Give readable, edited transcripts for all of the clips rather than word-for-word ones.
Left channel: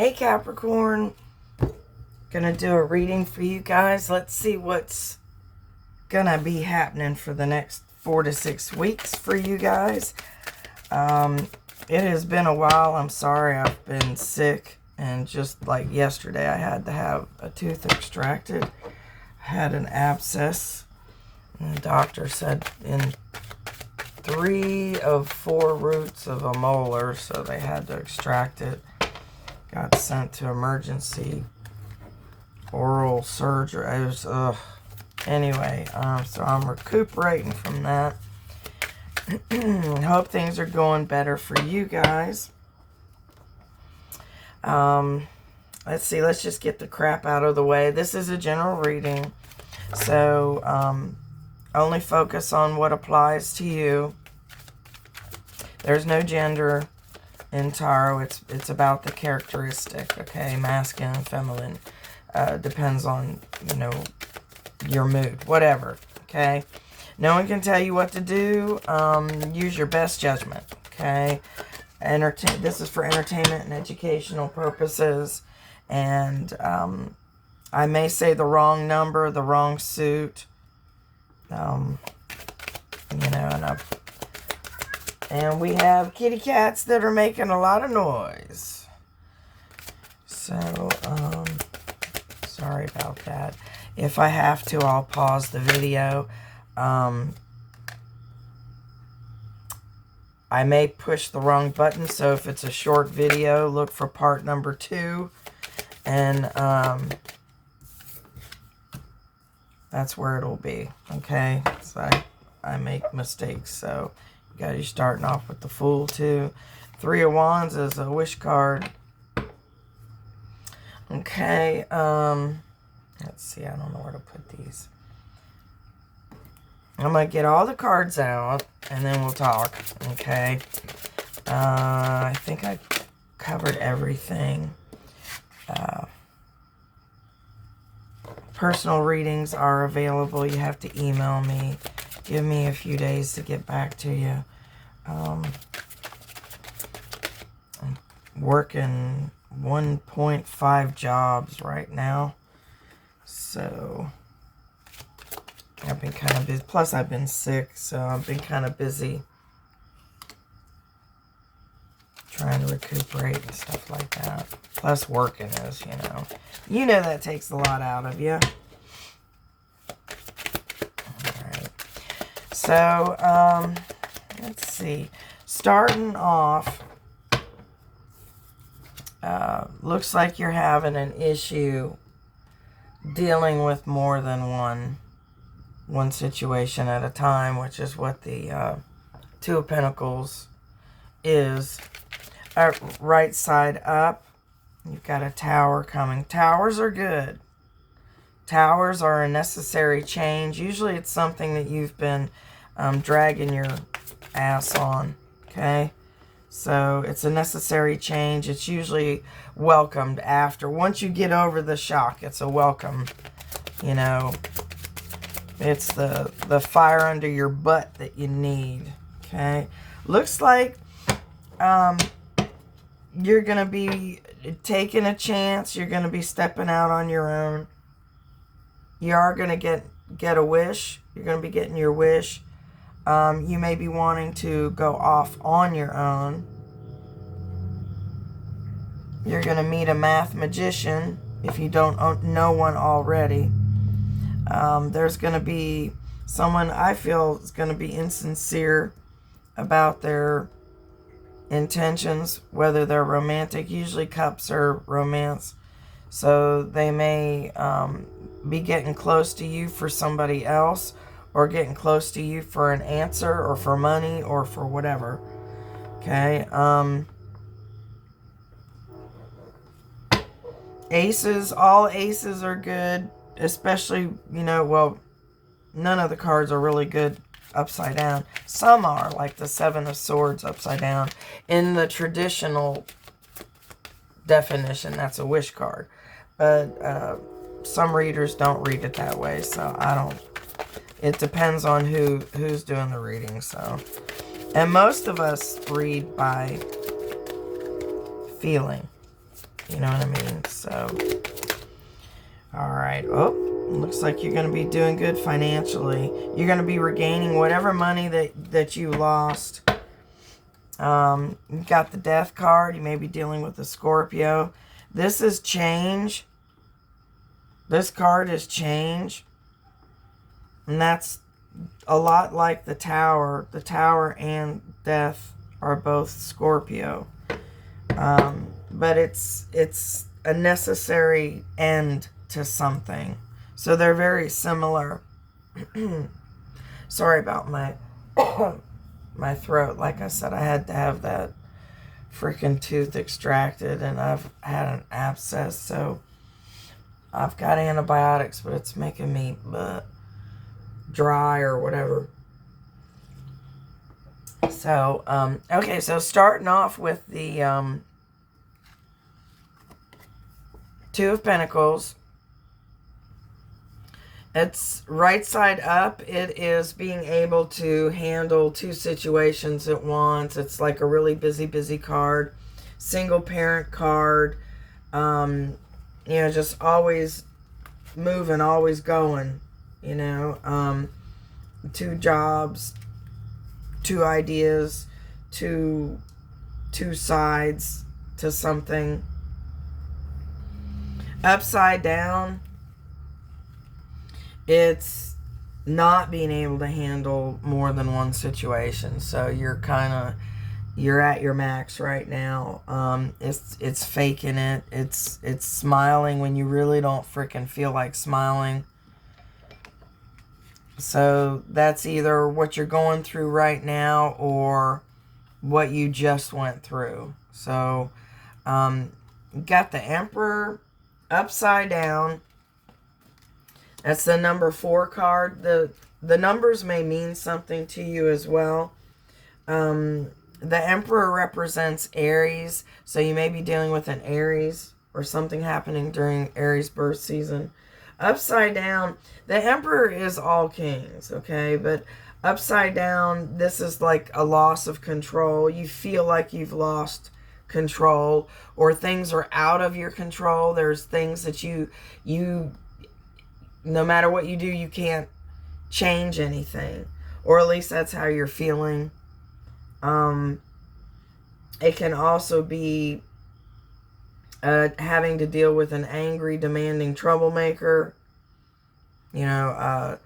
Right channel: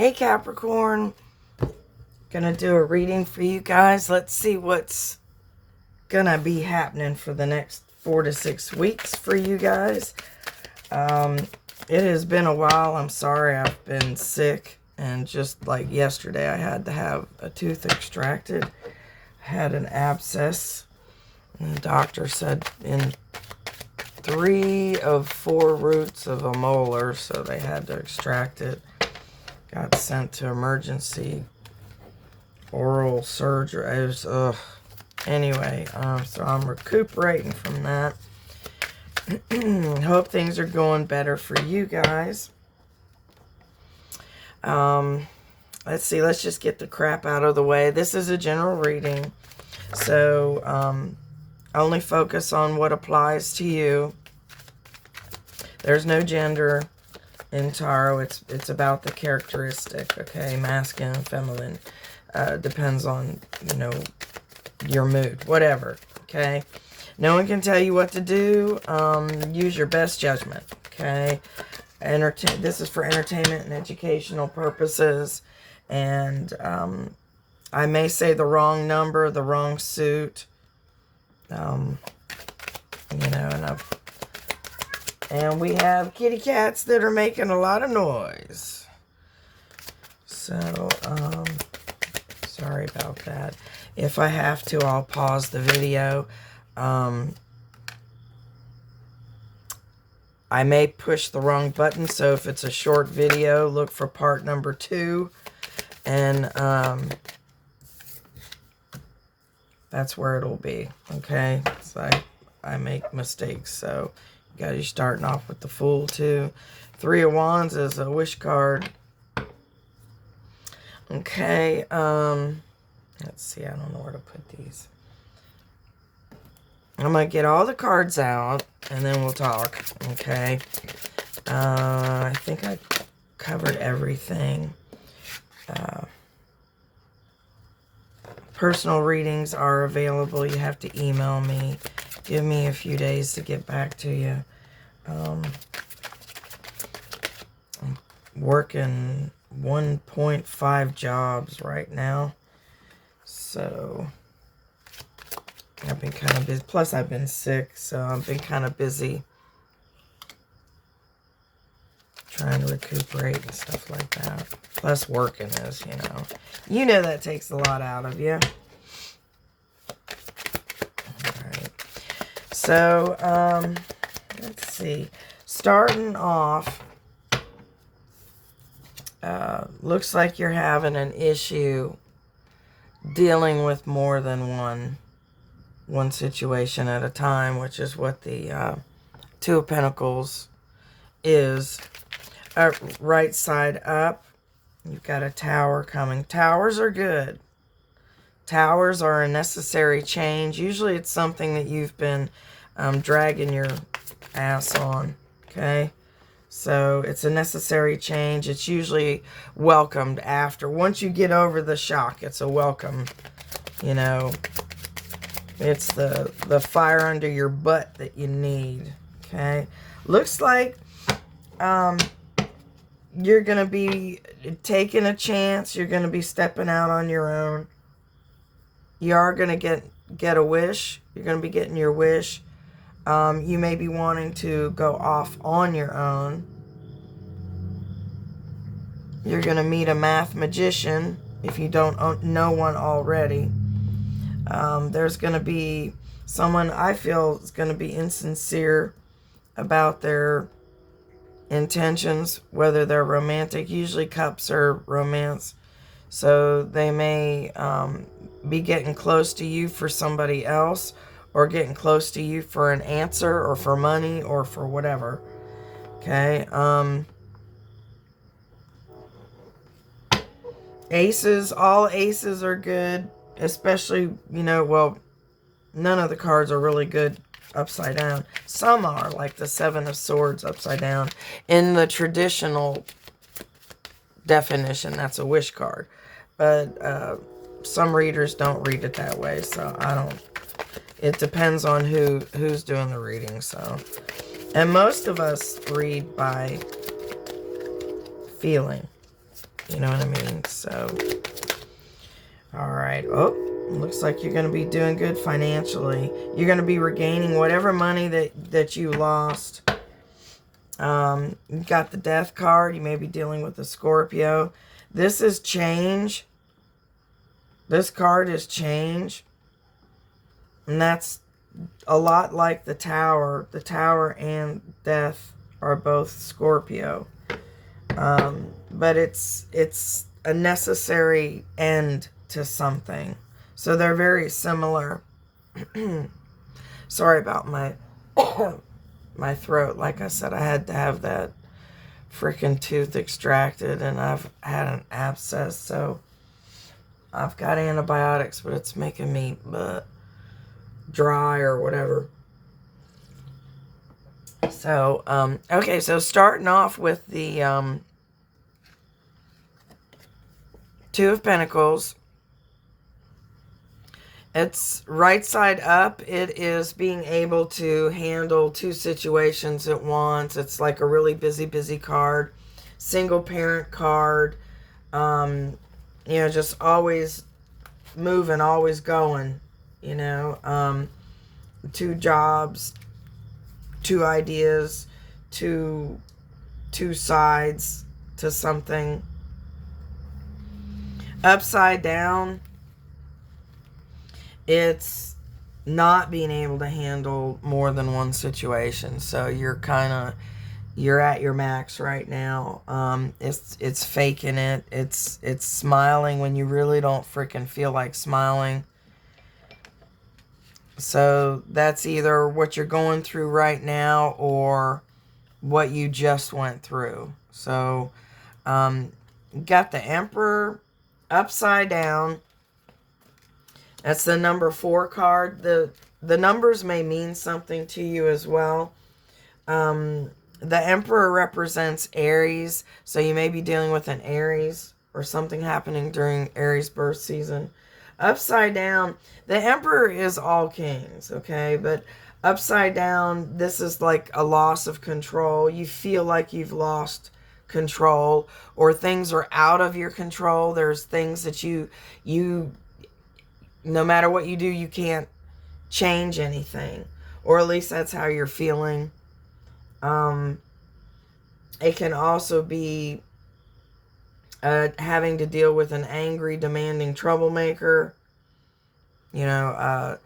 Hey Capricorn, gonna do a reading for you guys. Let's see what's gonna be happening for the next 4 to 6 weeks for you guys. It has been a while. I'm sorry, I've been sick, and just like yesterday I had to have a tooth extracted. I had an abscess, and the doctor said in 3 of 4 roots of a molar, so they had to extract it. Got sent to emergency oral surgery. Anyway, so I'm recuperating from that. Hope things are going better for you guys. Let's see. Let's just get the crap out of the way. This is a general reading, so only focus on what applies to you. There's no gender in tarot. It's about the characteristic, okay? Masculine, feminine. Depends on, your mood, whatever, okay? No one can tell you what to do. Use your best judgment, okay? This is for entertainment and educational purposes, and I may say the wrong number, the wrong suit, and we have kitty cats that are making a lot of noise. So, sorry about that. If I have to, I'll pause the video. I may push the wrong button, so if it's a short video, look for part number 2. And that's where it'll be, okay? So I make mistakes, so you guys are starting off with the Fool too. 3 of Wands is a wish card. Okay, let's see, I don't know where to put these. I'm going to get all the cards out, and then we'll talk, okay? I think I covered everything. Personal readings are available. You have to email me. Give me a few days to get back to you. I'm working 1.5 jobs right now. So I've been kind of busy. Plus, I've been sick, so I've been kind of busy trying to recuperate and stuff like that. Plus, working is, you know that takes a lot out of you. Alright. So, let's see. Starting off, looks like you're having an issue dealing with more than one situation at a time, which is what the 2 of Pentacles is. Right side up, you've got a Tower coming. Towers are good. Towers are a necessary change. Usually it's something that you've been dragging your ass on, okay? So it's a necessary change. It's usually welcomed after. Once you get over the shock, it's a welcome, It's the fire under your butt that you need, okay? Looks like you're going to be taking a chance. You're going to be stepping out on your own. You are going to get a wish. You're going to be getting your wish. You may be wanting to go off on your own. You're going to meet a math magician if you don't know one already. There's going to be someone I feel is going to be insincere about their intentions, whether they're romantic. Usually cups are romance. So they may be getting close to you for somebody else, or getting close to you for an answer, or for money, or for whatever. Okay. Aces, all aces are good, especially, well, none of the cards are really good upside down. Some are, like the 7 of Swords upside down. In the traditional definition, that's a wish card. But some readers don't read it that way, so I don't. It depends on who's doing the reading, so. And most of us read by feeling. You know what I mean? So, all right. Oh, looks like you're going to be doing good financially. You're going to be regaining whatever money that you lost. You've got the Death card. You may be dealing with a Scorpio. This is change. This card is change. And that's a lot like the Tower. The Tower and Death are both Scorpio. But it's a necessary end to something. So they're very similar. Sorry about my my throat. Like I said, I had to have that freaking tooth extracted, and I've had an abscess, so I've got antibiotics, but it's making me dry or whatever. So, okay, so starting off with the Two of Pentacles. It's right side up. It is being able to handle two situations at once. It's like a really busy card. Single parent card. You know, just always moving, always going. You know, two jobs, two ideas, two sides to something. Upside down, it's not being able to handle more than one situation. So you're at your max right now. It's faking it. It's smiling when you really don't freaking feel like smiling. So that's either what you're going through right now or what you just went through. So, got the Emperor upside down. That's the number 4 card. The numbers may mean something to you as well. The Emperor represents Aries, so you may be dealing with an Aries or something happening during Aries birth season. Upside down, the Emperor is all kings, okay? But upside down, this is like a loss of control. You feel like you've lost control, or things are out of your control. There's things that you no matter what you do, you can't change anything, or at least that's how you're feeling. It can also be having to deal with an angry, demanding troublemaker. You know,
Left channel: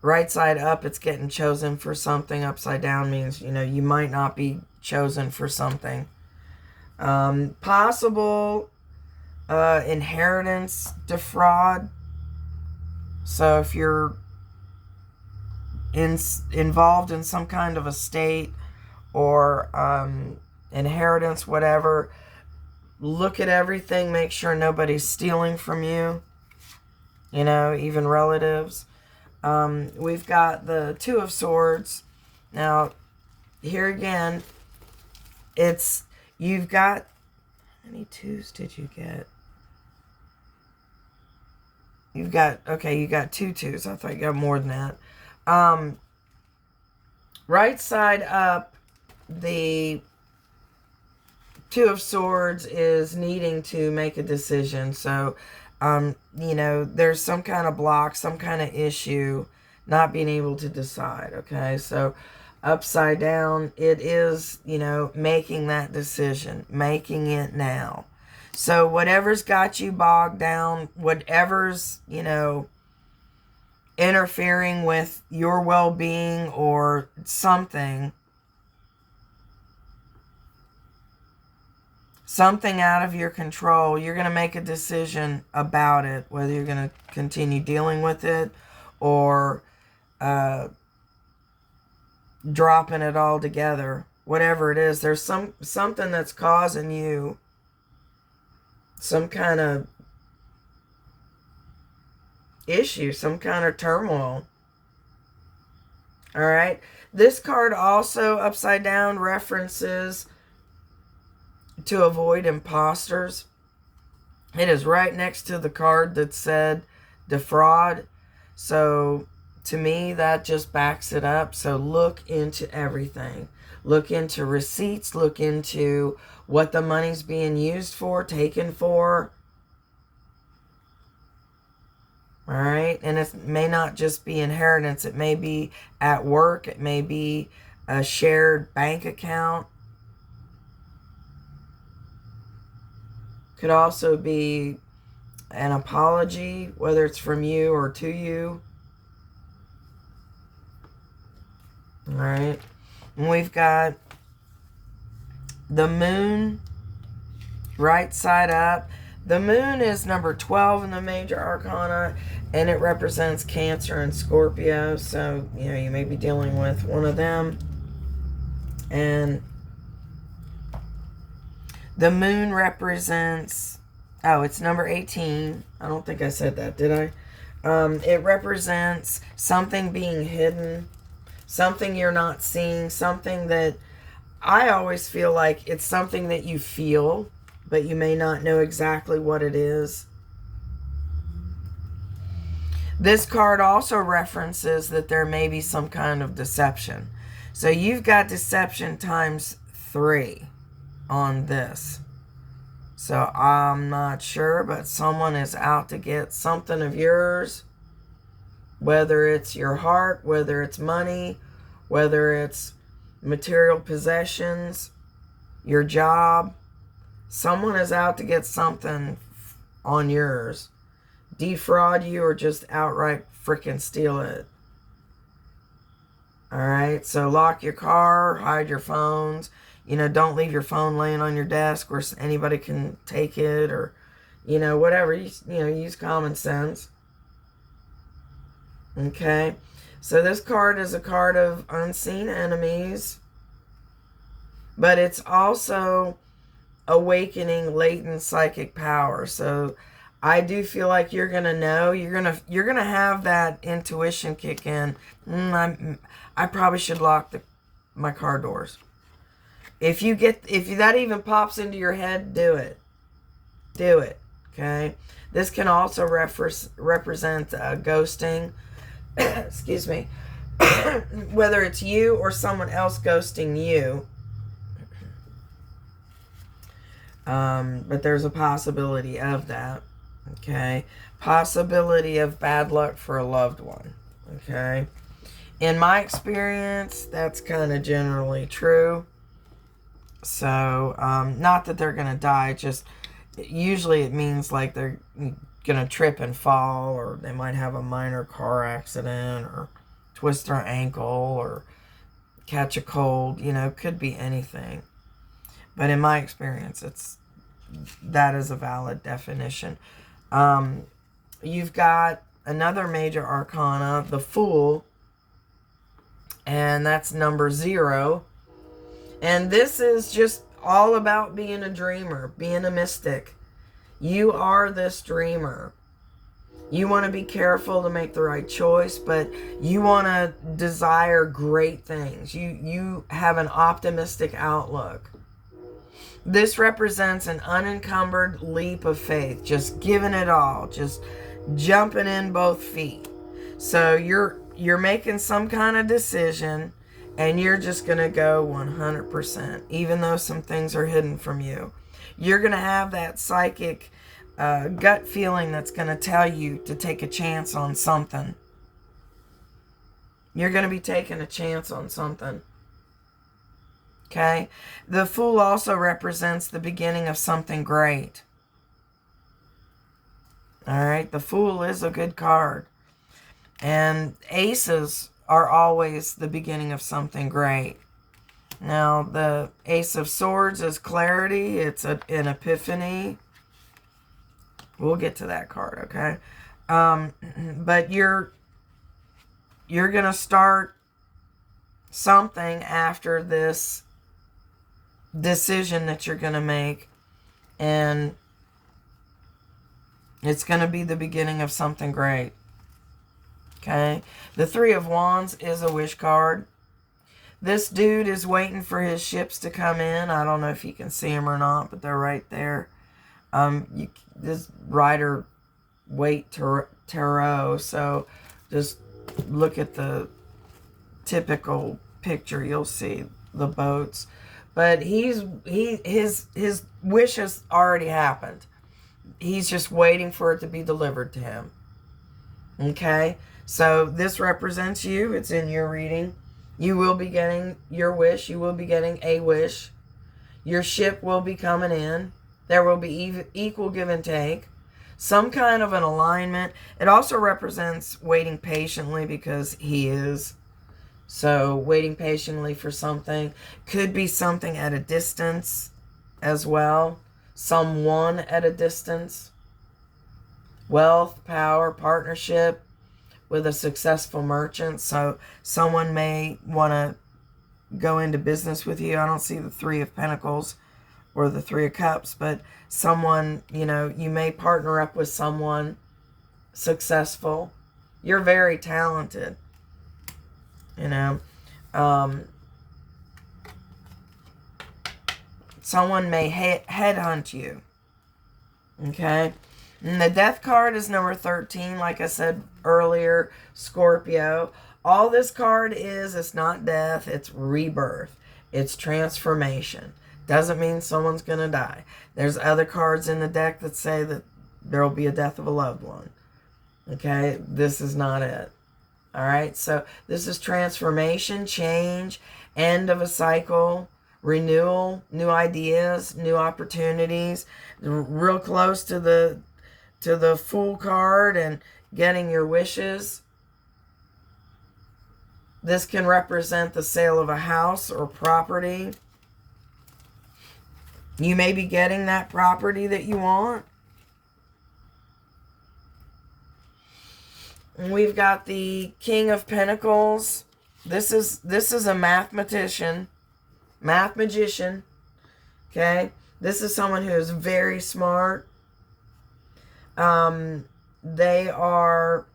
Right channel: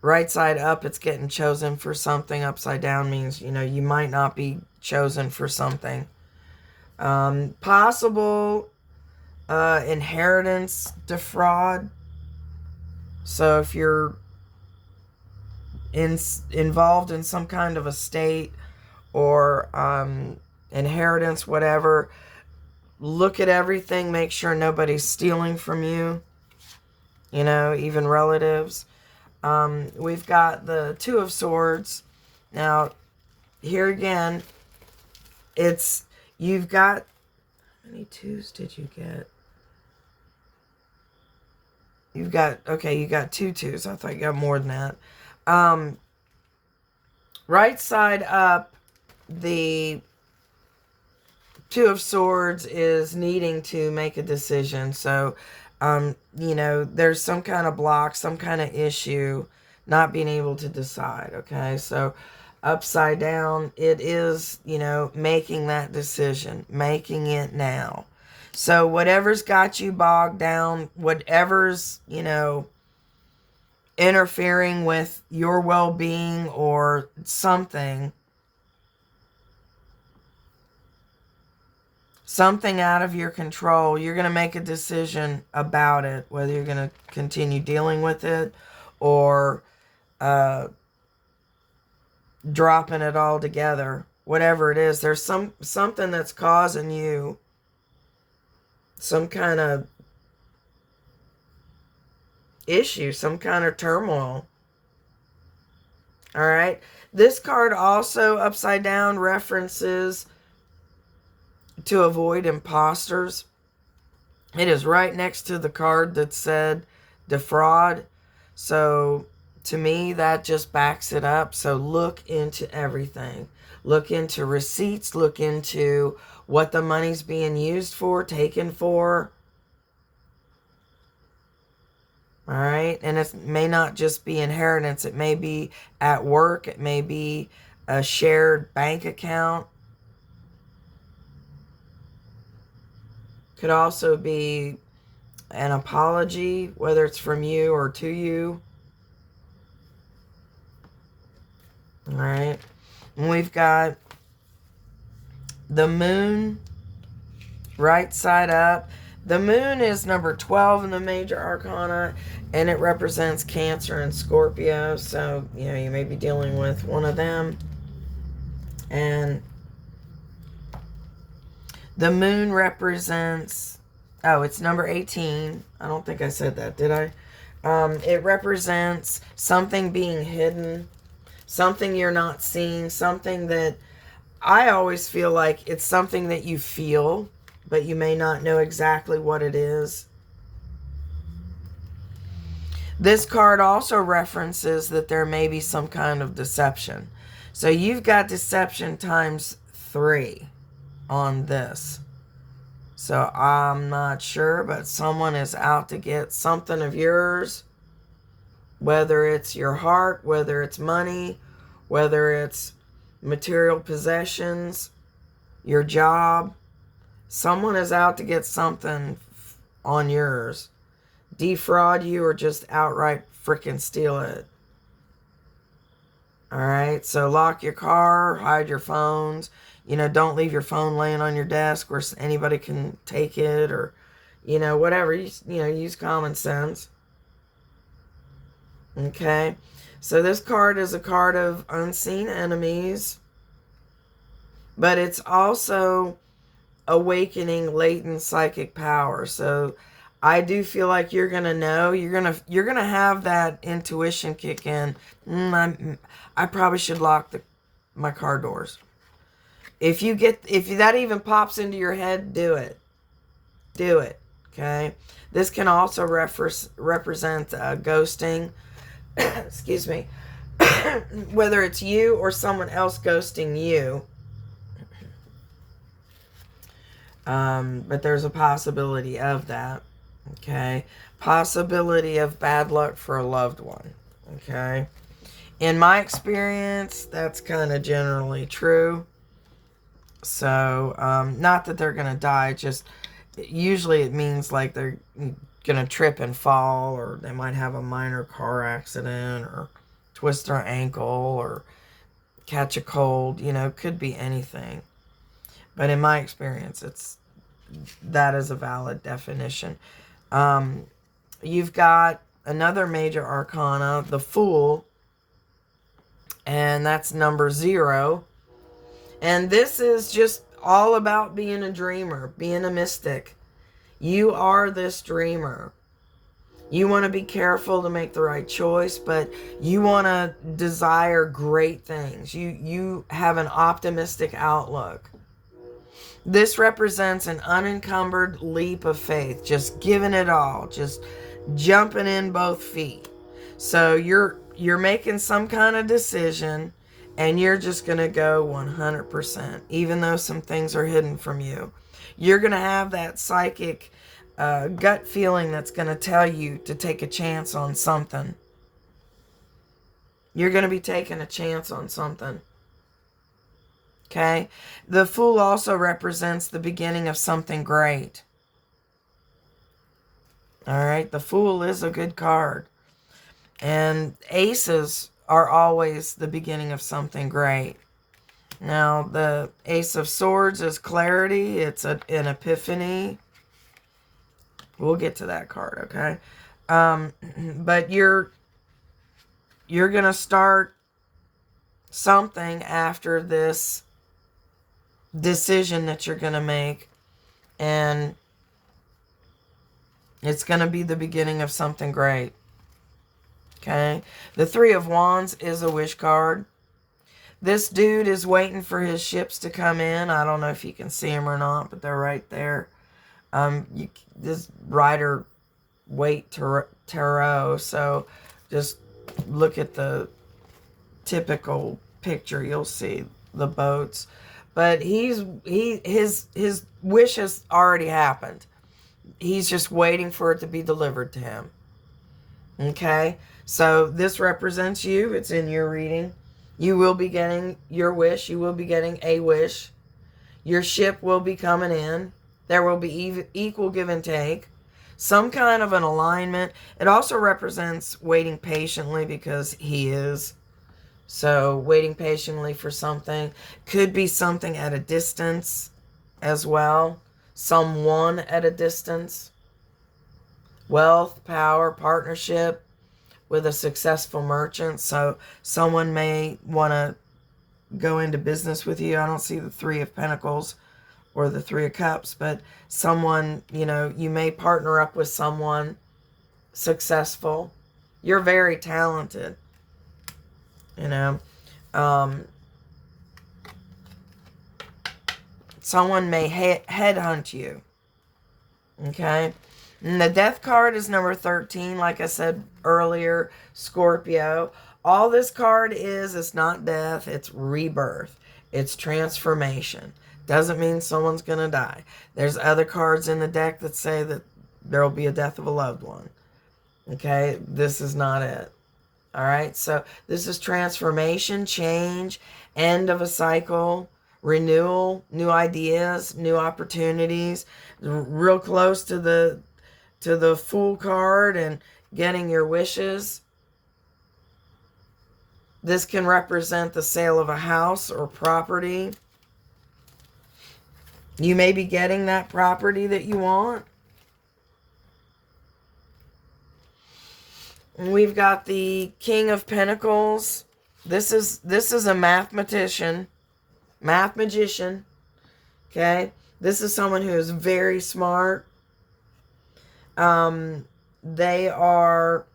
right side up, it's getting chosen for something. Upside down means, you know, you might not be chosen for something. Possible inheritance defraud. So if you're involved in some kind of estate or inheritance, whatever, look at everything, make sure nobody's stealing from you, you know, even relatives. We've got the Two of Swords. Now, here again, you've got, how many twos did you get? You got 2 twos. I thought you got more than that. Right side up, the Two of Swords is needing to make a decision. So, you know, there's some kind of block, some kind of issue, not being able to decide, okay? So, upside down, it is, you know, making that decision, making it now. So, whatever's got you bogged down, whatever's, you know, interfering with your well-being or something out of your control, you're going to make a decision about it, whether you're going to continue dealing with it or dropping it all together. Whatever it is, there's something that's causing you some kind of issue, some kind of turmoil. All right. This card also upside down references to avoid imposters. It is right next to the card that said defraud. So To me, that just backs it up. So look into everything. Look into receipts. Look into what the money's being used for, taken for. All right. And it may not just be inheritance. It may be at work. It may be a shared bank account. Could also be an apology, whether it's from you or to you. All right. And we've got the moon right side up. The moon is number 12 in the major arcana, and it represents Cancer and Scorpio. So, you may be dealing with one of them. And the moon represents, oh, it's number 18. I don't think I said that, did I? It represents something being hidden, something you're not seeing, something that I always feel like it's something that you feel, but you may not know exactly what it is. This card also references that there may be some kind of deception. So you've got deception times 3 on this. So I'm not sure, but someone is out to get something of yours. Whether it's your heart, whether it's money, whether it's material possessions, your job. Someone is out to get something on yours. Defraud you or just outright freaking steal it. Alright, so lock your car, hide your phones. Don't leave your phone laying on your desk where anybody can take it, or, whatever. Use common sense. Okay, so this card is a card of unseen enemies, but it's also awakening latent psychic power. So I do feel like you're gonna know, you're gonna have that intuition kick in. I probably should lock my car doors. If that even pops into your head, do it. Do it. Okay. This can also represent ghosting. Excuse me. Whether it's you or someone else ghosting you. But there's a possibility of that. Okay. Possibility of bad luck for a loved one. Okay. In my experience, that's kind of generally true. So, not that they're going to die, just usually it means like they're going to trip and fall, or they might have a minor car accident, or twist their ankle, or catch a cold. Could be anything. But in my experience, that is a valid definition. You've got another major arcana, the Fool, and that's number 0. And this is just all about being a dreamer, being a mystic. You are this dreamer. You want to be careful to make the right choice, but you want to desire great things. You have an optimistic outlook. This represents an unencumbered leap of faith, just giving it all, just jumping in both feet. So you're making some kind of decision, and you're just going to go 100%, even though some things are hidden from you. You're going to have that psychic gut feeling that's going to tell you to take a chance on something. You're going to be taking a chance on something. Okay? The Fool also represents the beginning of something great. All right? The Fool is a good card. And aces are always the beginning of something great. Now, the Ace of Swords is clarity. It's an epiphany. We'll get to that card, okay? But you're going to start something after this decision that you're going to make. And it's going to be the beginning of something great. Okay? The Three of Wands is a wish card. This dude is waiting for his ships to come in. I don't know if you can see them or not, but they're right there. This Rider Waite Tarot. So just look at the typical picture, you'll see the boats. But his wish has already happened. He's just waiting for it to be delivered to him. Okay? So this represents you. It's in your reading. You will be getting your wish. You will be getting a wish. Your ship will be coming in. There will be equal give and take. Some kind of an alignment. It also represents waiting patiently because he is. So waiting patiently for something. Could be something at a distance as well. Someone at a distance. Wealth, power, partnership with a successful merchant. So someone may want to go into business with you. I don't see the Three of Pentacles or the Three of Cups, but someone, you know, you may partner up with someone successful. You're very talented, you know. Someone may headhunt you, okay? And the Death card is number 13, like I said earlier, Scorpio. All this card is, it's not death, it's rebirth. It's transformation. Doesn't mean someone's going to die. There's other cards in the deck that say that there will be a death of a loved one. Okay, this is not it. All right, so this is transformation, change, end of a cycle, renewal, new ideas, new opportunities. Real close to the Fool card and getting your wishes. This can represent the sale of a house or property. You may be getting that property that you want. And we've got the King of Pentacles. This is a magician. Okay? This is someone who is very smart. They are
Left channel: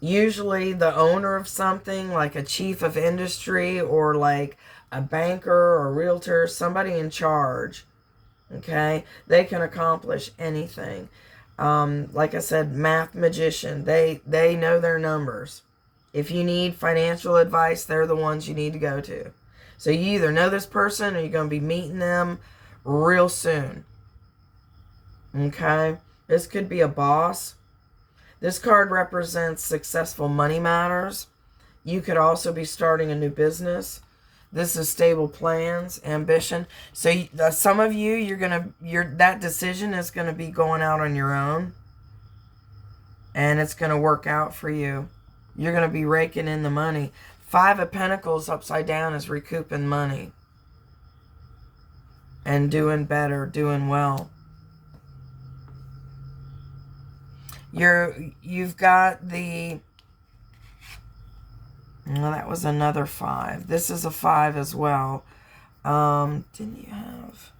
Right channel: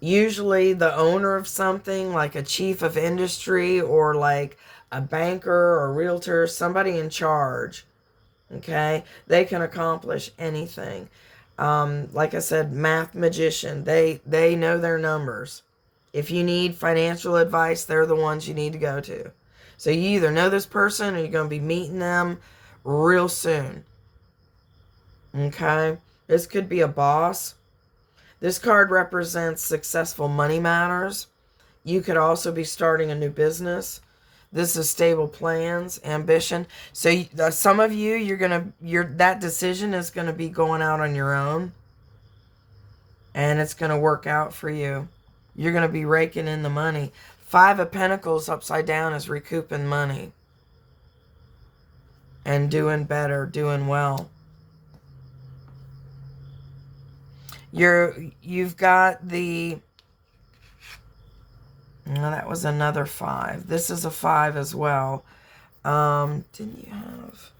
usually the owner of something, like a chief of industry or like a banker or a realtor, somebody in charge. Okay? They can accomplish anything. Like I said, magician. They know their numbers. If you need financial advice, they're the ones you need to go to. So you either know this person or you're going to be meeting them real soon. Okay? This could be a boss. This card represents successful money matters. You could also be starting a new business. This is stable plans, ambition. So some of you, that decision is going to be going out on your own. And it's going to work out for you. You're going to be raking in the money. Five of Pentacles upside down is recouping money. And doing better, doing well. You've got the... Well, that was another 5. This is a 5 as well. Didn't you have...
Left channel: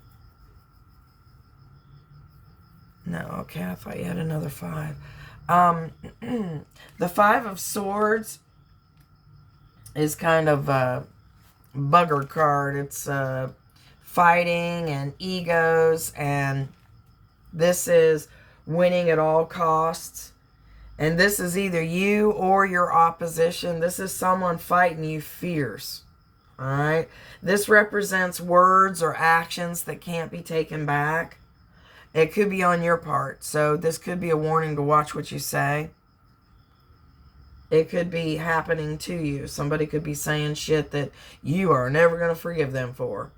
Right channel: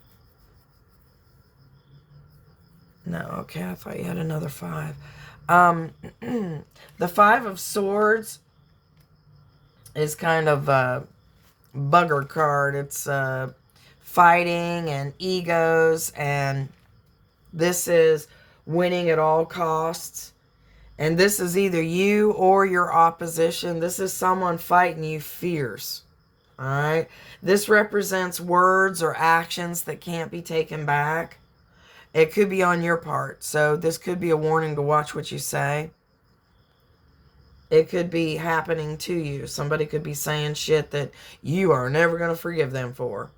No, okay, I thought you had another 5. The 5 of Swords is kind of a bugger card. It's fighting and egos, and this is winning at all costs. And this is either you or your opposition. This is someone fighting you fierce. All right? This represents words or actions that can't be taken back. It could be on your part. So this could be a warning to watch what you say. It could be happening to you. Somebody could be saying shit that you are never going to forgive them for.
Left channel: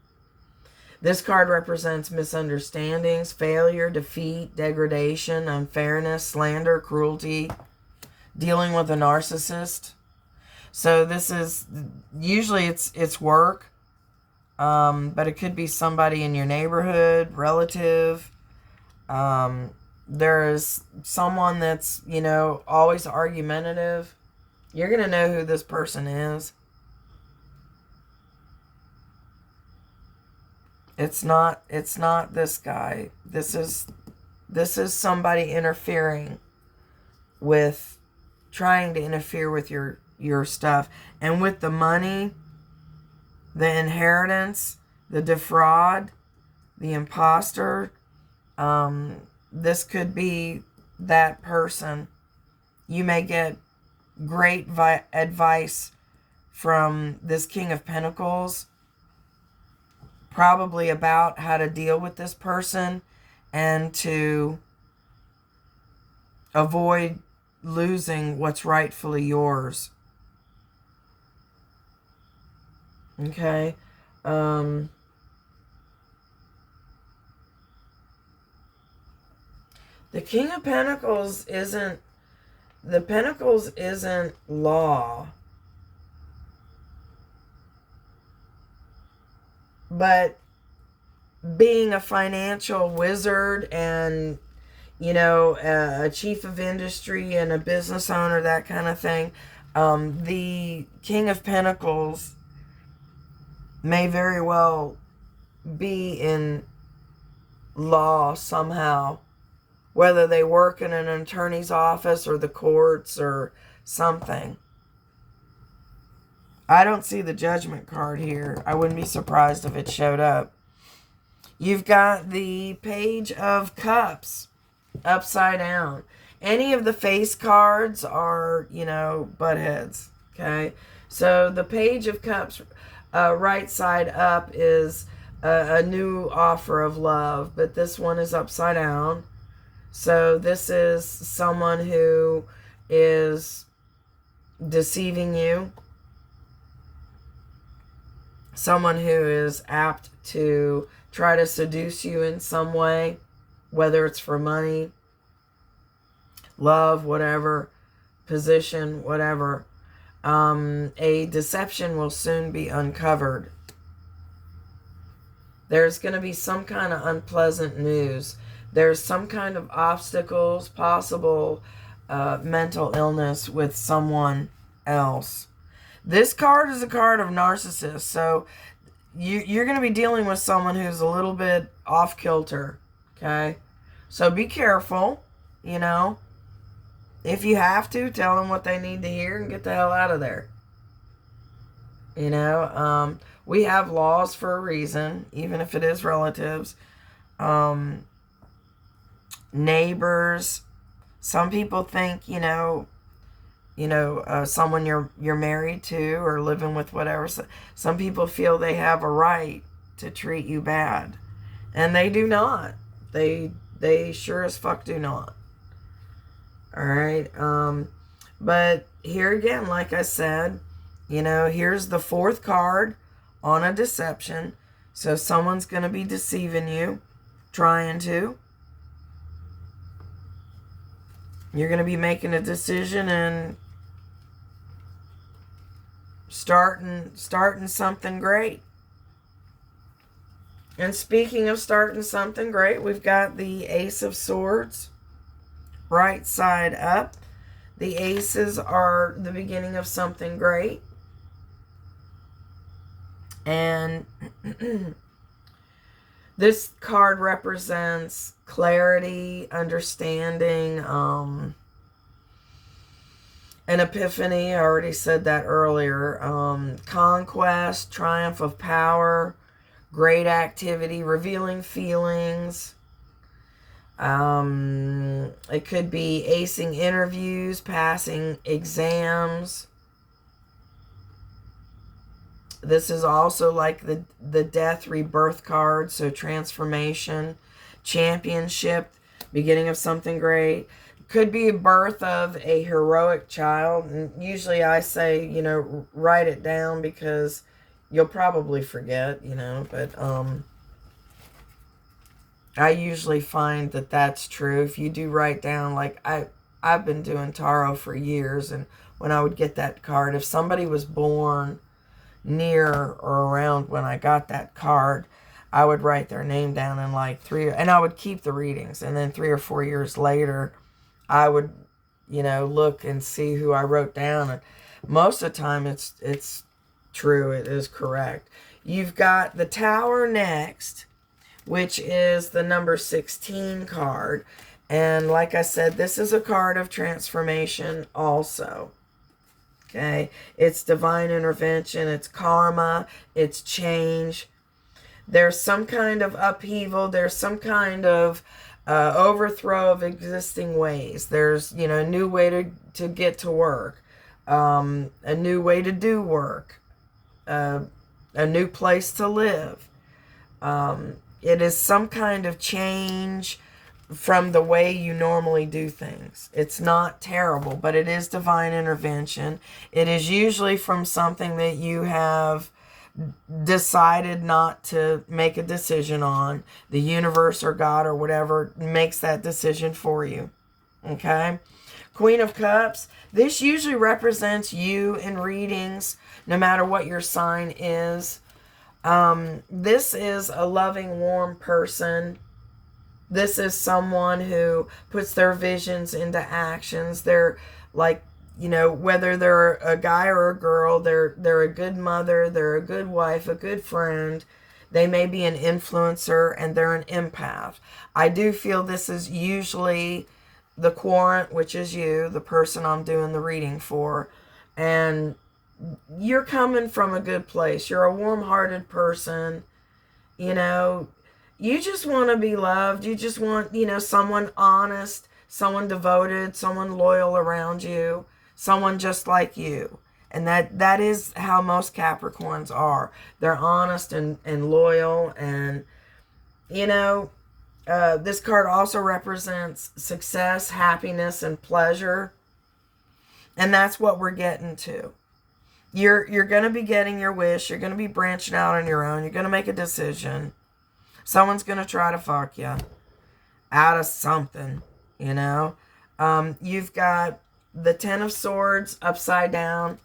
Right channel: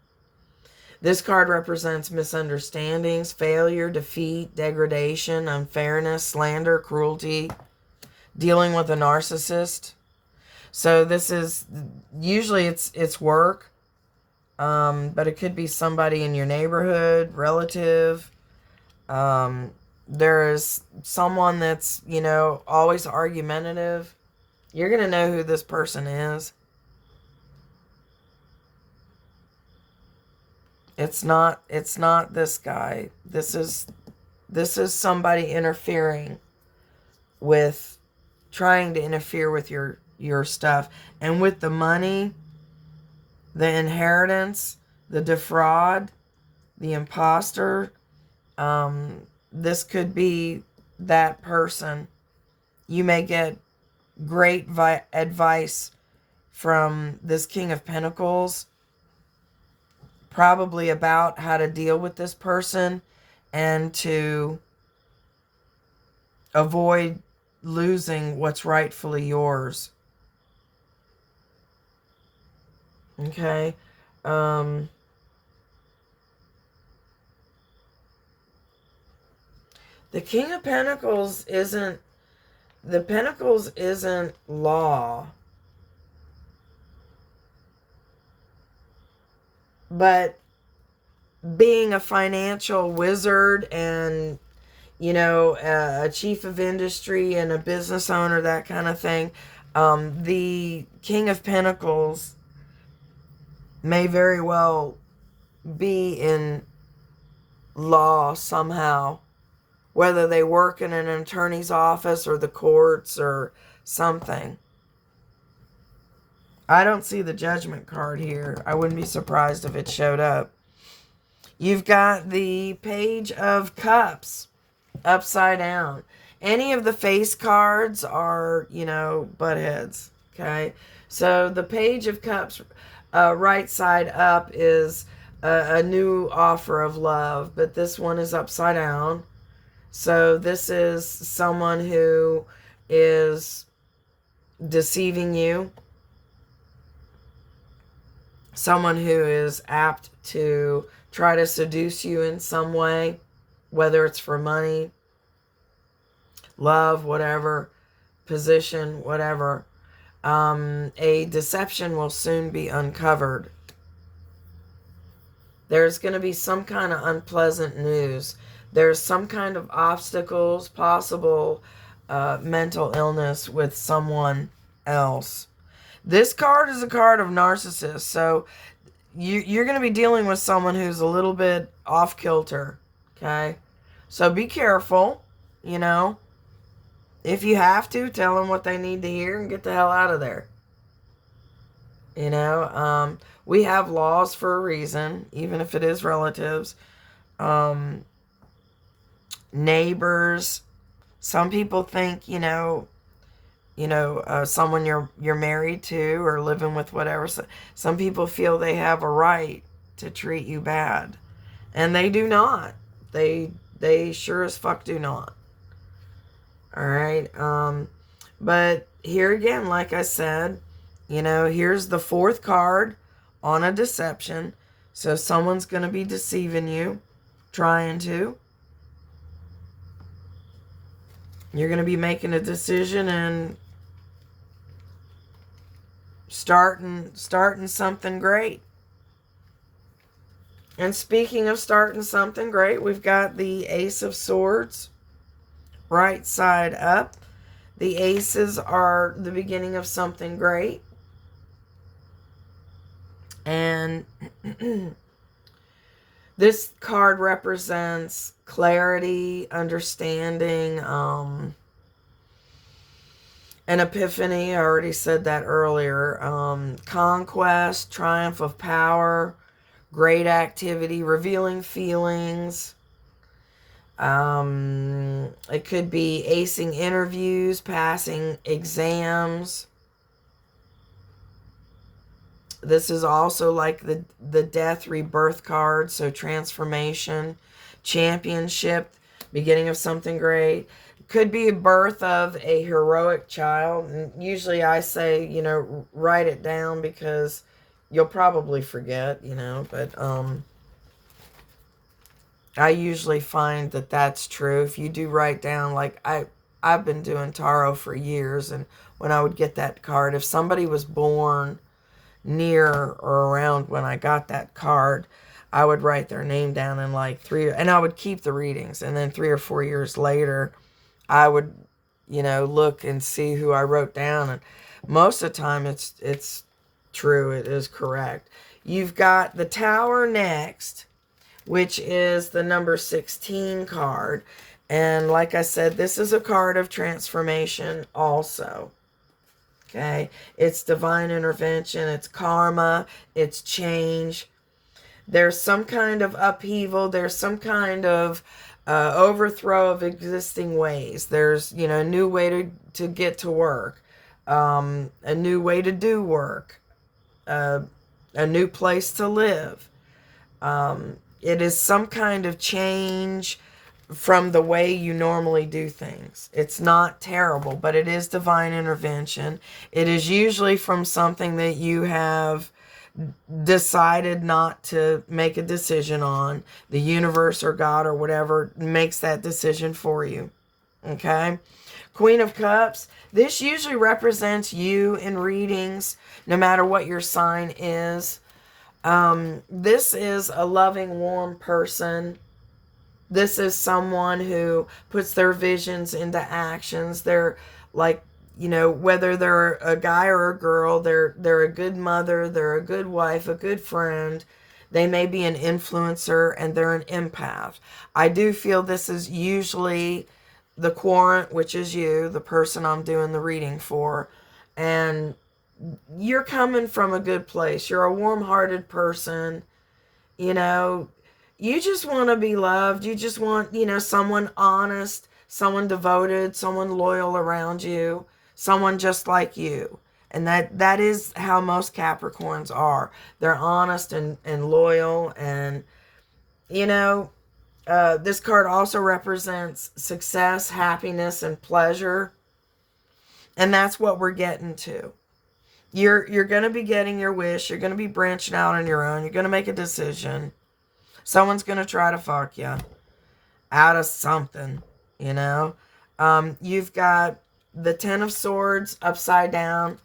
This card represents misunderstandings, failure, defeat, degradation, unfairness, slander, cruelty, dealing with a narcissist. So this is, usually it's work, but it could be somebody in your neighborhood, relative. There is someone that's, always argumentative. You're going to know who this person is. It's not this guy. This is somebody interfering with, trying to interfere with your stuff. And with the money, the inheritance, the defraud, the imposter, this could be that person You may get great advice from this King of Pentacles, probably about how to deal with this person and to avoid losing what's rightfully yours. Okay. The King of Pentacles isn't, the Pentacles isn't law. But being a financial wizard and, you know, a chief of industry and a business owner, that kind of thing, the King of Pentacles may very well be in law somehow, whether they work in an attorney's office or the courts or something. I don't see the Judgment card here. I wouldn't be surprised if it showed up. You've got the Page of Cups upside down. Any of the face cards are, you know, butt heads. Okay. So the Page of Cups, right side up, is a new offer of love, but this one is upside down. So this is someone who is deceiving you. Someone who is apt to try to seduce you in some way, whether it's for money, love, whatever, position, whatever. A deception will soon be uncovered. There's going to be some kind of unpleasant news. There's some kind of obstacles, possible mental illness with someone else. This card is a card of narcissists, so you're going to be dealing with someone who's a little bit off kilter, okay? So be careful, you know. If you have to, tell them what they need to hear and get the hell out of there. You know, we have laws for a reason, even if it is relatives. Neighbors. Some people think, someone you're married to or living with, whatever. Some people feel they have a right to treat you bad, and they do not. They sure as fuck do not. All right. But here again, like I said, here's the fourth card on a deception. So someone's going to be deceiving you, trying to. You're going to be making a decision and starting something great. And speaking of starting something great, we've got the Ace of Swords, right side up. The aces are the beginning of something great. And this card represents clarity, understanding, an epiphany. I already said that earlier. Conquest, triumph of power, great activity, revealing feelings. It could be acing interviews, passing exams. This is also like the death rebirth card, so transformation, championship, beginning of something great. Could be a birth of a heroic child. And usually I say, write it down because you'll probably forget, but I usually find that that's true. If you do write down, like I've been doing tarot for years, and when I would get that card, if somebody was born near or around when I got that card, I would write their name down in and I would keep the readings, and then 3 or 4 years later I would look and see who I wrote down, and most of the time it's true, it is correct. You've got the Tower next, which is the number 16 card, and like I said, this is a card of transformation also. Okay, it's divine intervention, it's karma, it's change. There's some kind of upheaval. There's some kind of overthrow of existing ways. There's, you know, a new way to get to work, a new way to do work, a new place to live. It is some kind of change from the way you normally do things. It's not terrible, but it is divine intervention. It is usually from something that you have decided not to make a decision on. The universe or God or whatever makes that decision for you. Okay? Queen of Cups. This usually represents you in readings, no matter what your sign is. This is a loving, warm person. This is someone who puts their visions into actions. They're like, you know, whether they're a guy or a girl, they're a good mother, they're a good wife, a good friend. They may be an influencer, and they're an empath. I do feel this is usually the querent, which is you, the person I'm doing the reading for. And you're coming from a good place. You're a warm-hearted person. You know, you just want to be loved. You just want, you know, someone honest, someone devoted, someone loyal around you, someone just like you. And that is how most Capricorns are. They're honest and loyal. And, you know, this card also represents success, happiness, and pleasure. And that's what we're getting to. You're going to be getting your wish. You're going to be branching out on your own. You're going to make a decision. Someone's going to try to fuck you out of something, you know. You've got the Ten of Swords upside down.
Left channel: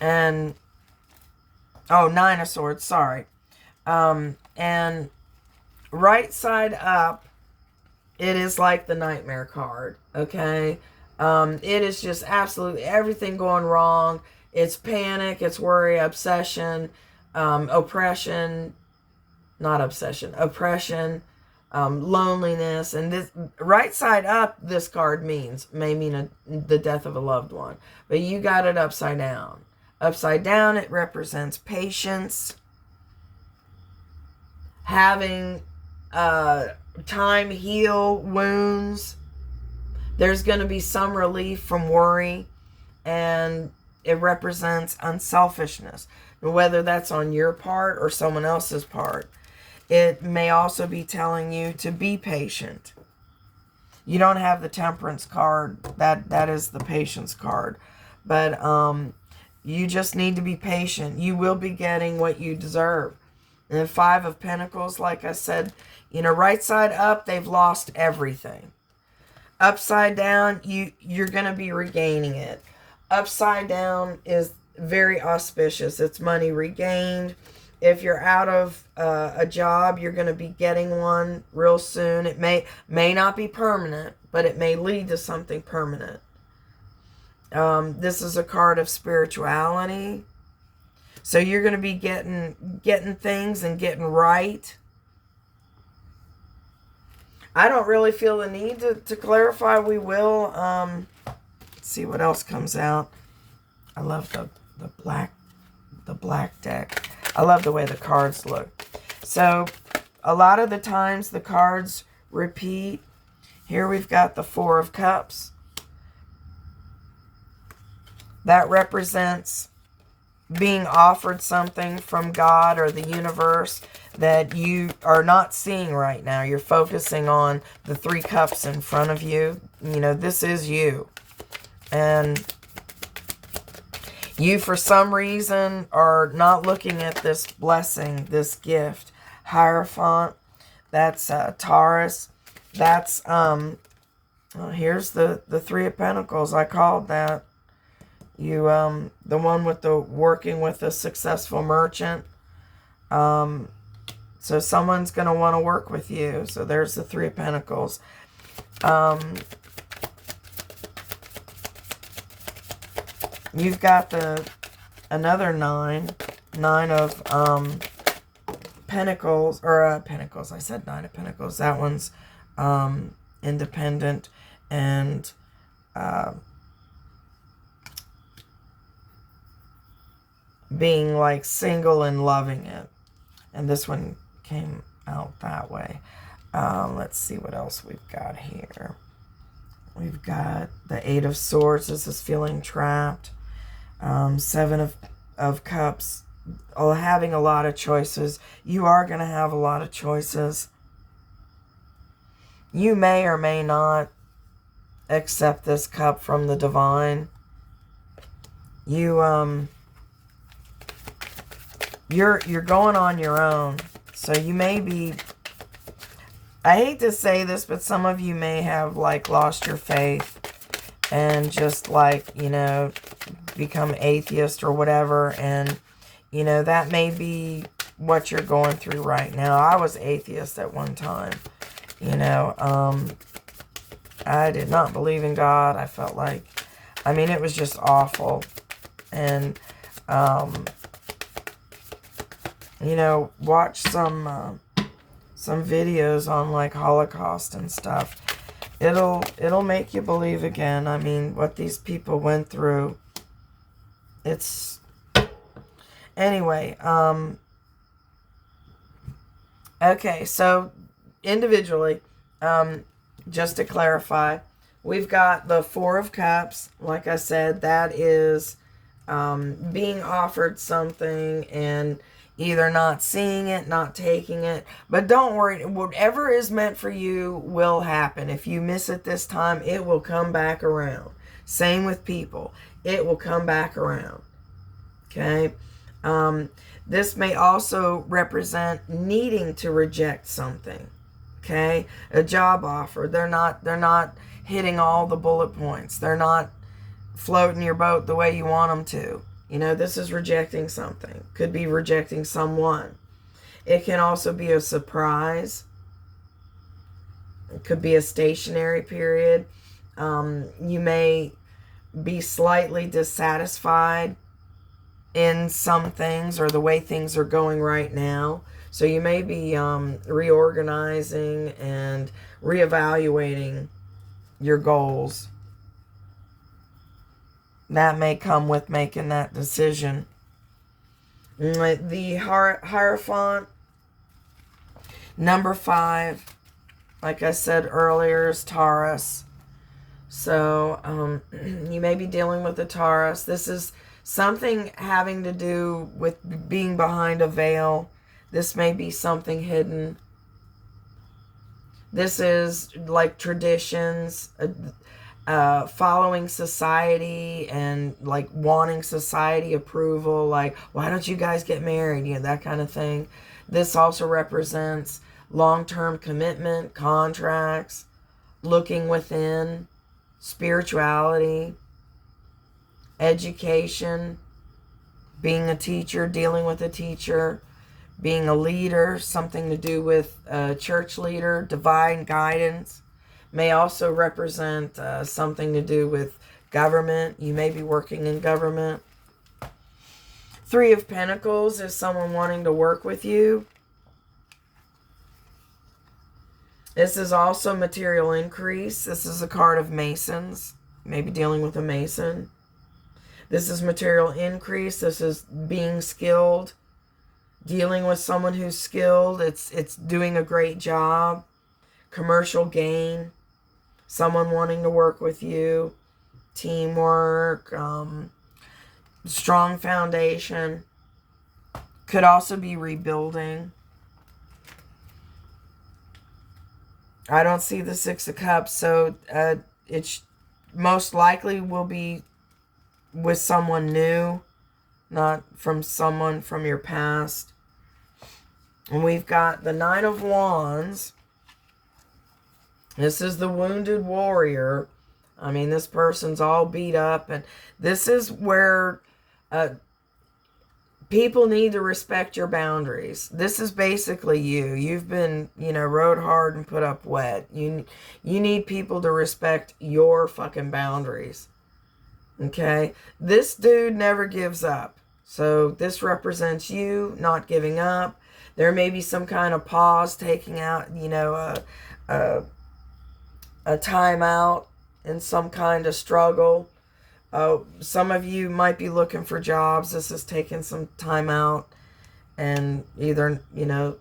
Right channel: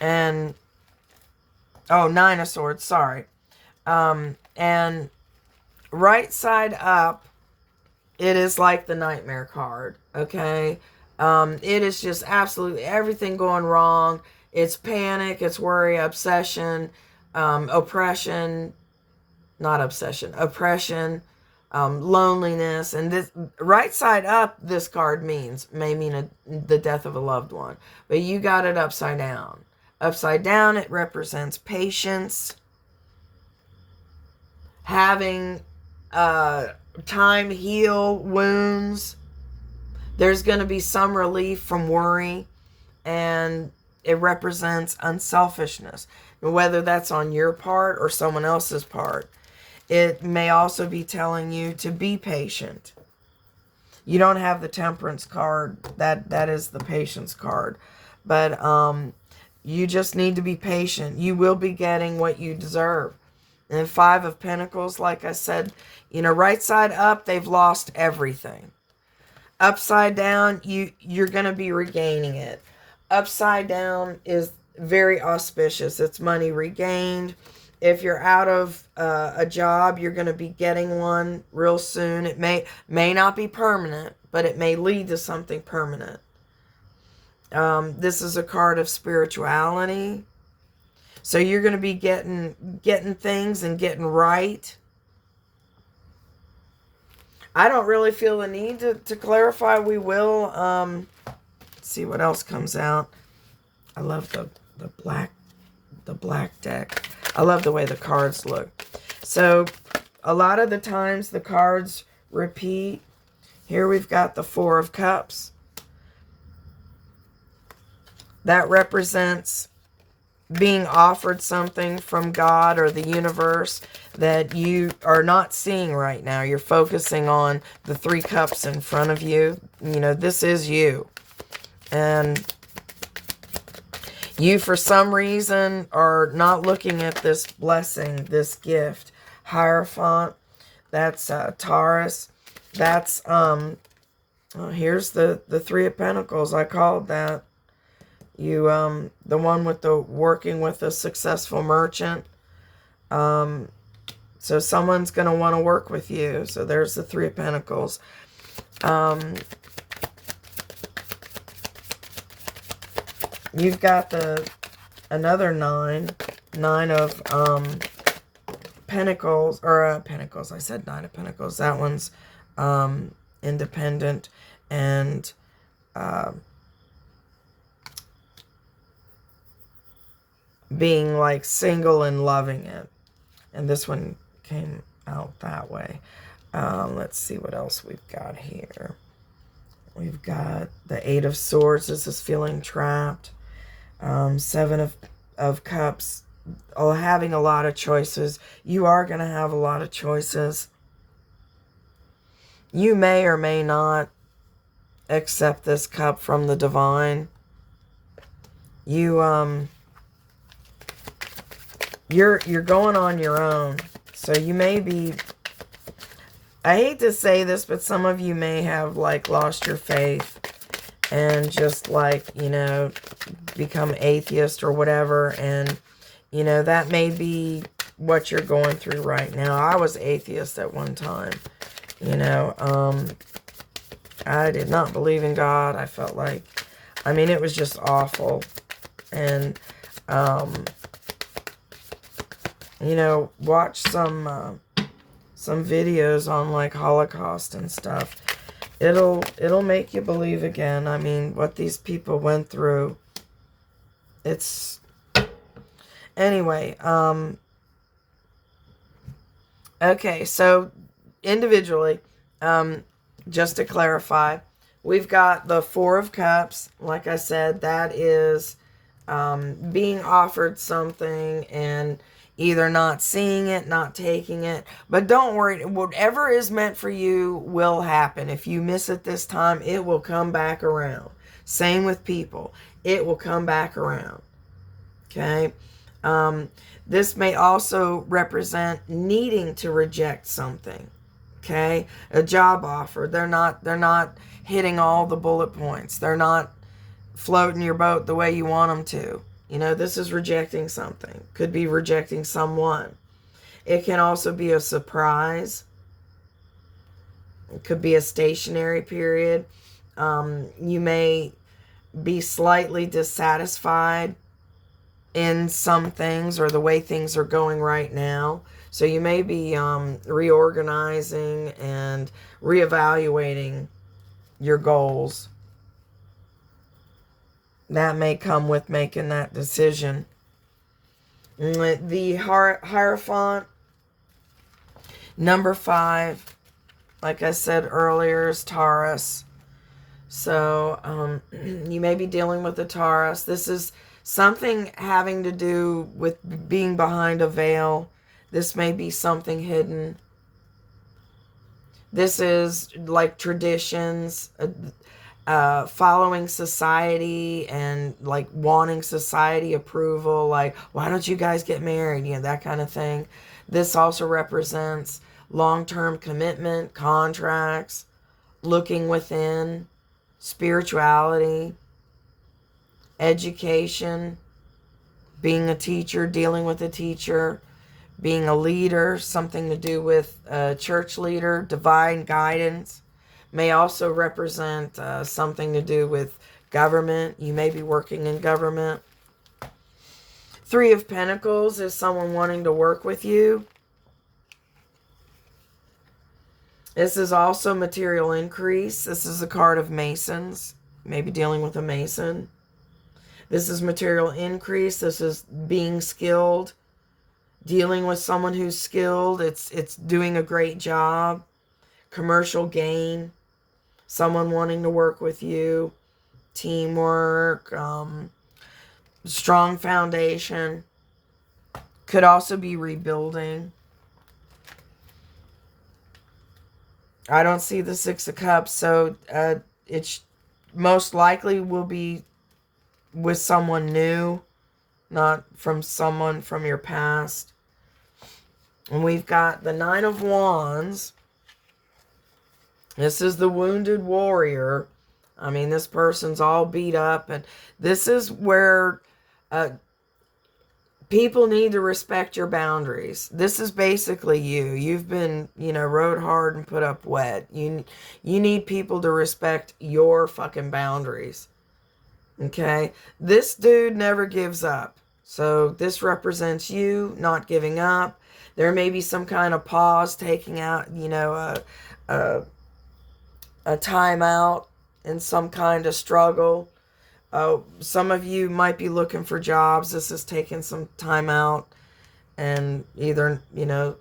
And, oh, Nine of Swords, sorry. And right side up, it is like the Nightmare card, okay? It is just absolutely everything going wrong. It's panic, it's worry, obsession, oppression, not obsession, oppression, loneliness. And this right side up, this card may mean the death of a loved one, but you got it upside down. Upside down, it represents patience, having time heal wounds. There's going to be some relief from worry, and it represents unselfishness, whether that's on your part or someone else's part. It may also be telling you to be patient. You don't have the Temperance card. That is the Patience card. But you just need to be patient. You will be getting what you deserve. And Five of Pentacles, like I said, you know, right side up, they've lost everything. Upside down, you're going to be regaining it. Upside down is very auspicious. It's money regained. If you're out of a job, you're going to be getting one real soon. It may not be permanent, but it may lead to something permanent. This is a card of spirituality. So you're going to be getting things and getting right. I don't really feel the need to clarify. We will. Let's see what else comes out. I love the black deck. I love the way the cards look. So a lot of the times the cards repeat. Here we've got the Four of Cups. That represents being offered something from God or the universe that you are not seeing right now. You're focusing on the Three Cups in front of you. You know, this is you. And you, for some reason, are not looking at this blessing, this gift. Hierophant, that's Taurus. That's, well, here's the Three of Pentacles. I called that. You, the one with the working with a successful merchant. So someone's going to want to work with you. So there's the Three of Pentacles. You've got another nine of Pentacles, or Pentacles. I said Nine of Pentacles. That one's independent and being like single and loving it. And this one came out that way. Let's see what else we've got here. We've got the Eight of Swords. This is feeling trapped. Seven of Cups. Having a lot of choices. You are going to have a lot of choices. You may or may not accept this cup from the divine. You're going on your own. So you may be, I hate to say this, but some of you may have like lost your faith and just like, you know, become atheist or whatever. And, you know, that may be what you're going through right now. I was atheist at one time, you know. I did not believe in God. I felt like, I mean, it was just awful. And, you know, watch some videos on like Holocaust and stuff. It'll make you believe again. I mean, what these people went through. It's, anyway, okay, so individually, just to clarify, we've got the Four of Cups. Like I said, that is being offered something and either not seeing it, not taking it. But don't worry, whatever is meant for you will happen. If you miss it this time, it will come back around. Same with people. It will come back around. Okay? This may also represent needing to reject something. Okay? A job offer. They're not hitting all the bullet points. They're not floating your boat the way you want them to. You know, this is rejecting something. Could be rejecting someone. It can also be a surprise. It could be a stationary period. You may be slightly dissatisfied in some things or the way things are going right now. So you may be reorganizing and reevaluating your goals. That may come with making that decision. The Hierophant, number 5, like I said earlier, is Taurus. So you may be dealing with the Taurus. This is something having to do with being behind a veil. This may be something hidden. This is like traditions, following society and like wanting society approval, like, why don't you guys get married? You know, that kind of thing. This also represents long-term commitment, contracts, looking within, spirituality, education, being a teacher, dealing with a teacher, being a leader, something to do with a church leader, divine guidance. May also represent something to do with government. You may be working in government. Three of Pentacles is someone wanting to work with you. This is also material increase. This is a card of Masons. Maybe dealing with a Mason. This is material increase. This is being skilled. Dealing with someone who's skilled. It's doing a great job. Commercial gain. Someone wanting to work with you, teamwork, strong foundation. Could also be rebuilding. I don't see the Six of Cups, so it most likely will be with someone new, not from someone from your past. And we've got the Nine of Wands. This is the wounded warrior. I mean, this person's all beat up. And this is where people need to respect your boundaries. This is basically you. You've been, you know, rode hard and put up wet. You need people to respect your fucking boundaries. Okay? This dude never gives up. So this represents you not giving up. There may be some kind of pause, taking out, you know, a timeout in some kind of struggle. Some of you might be looking for jobs. This is taking some time out and either, you know,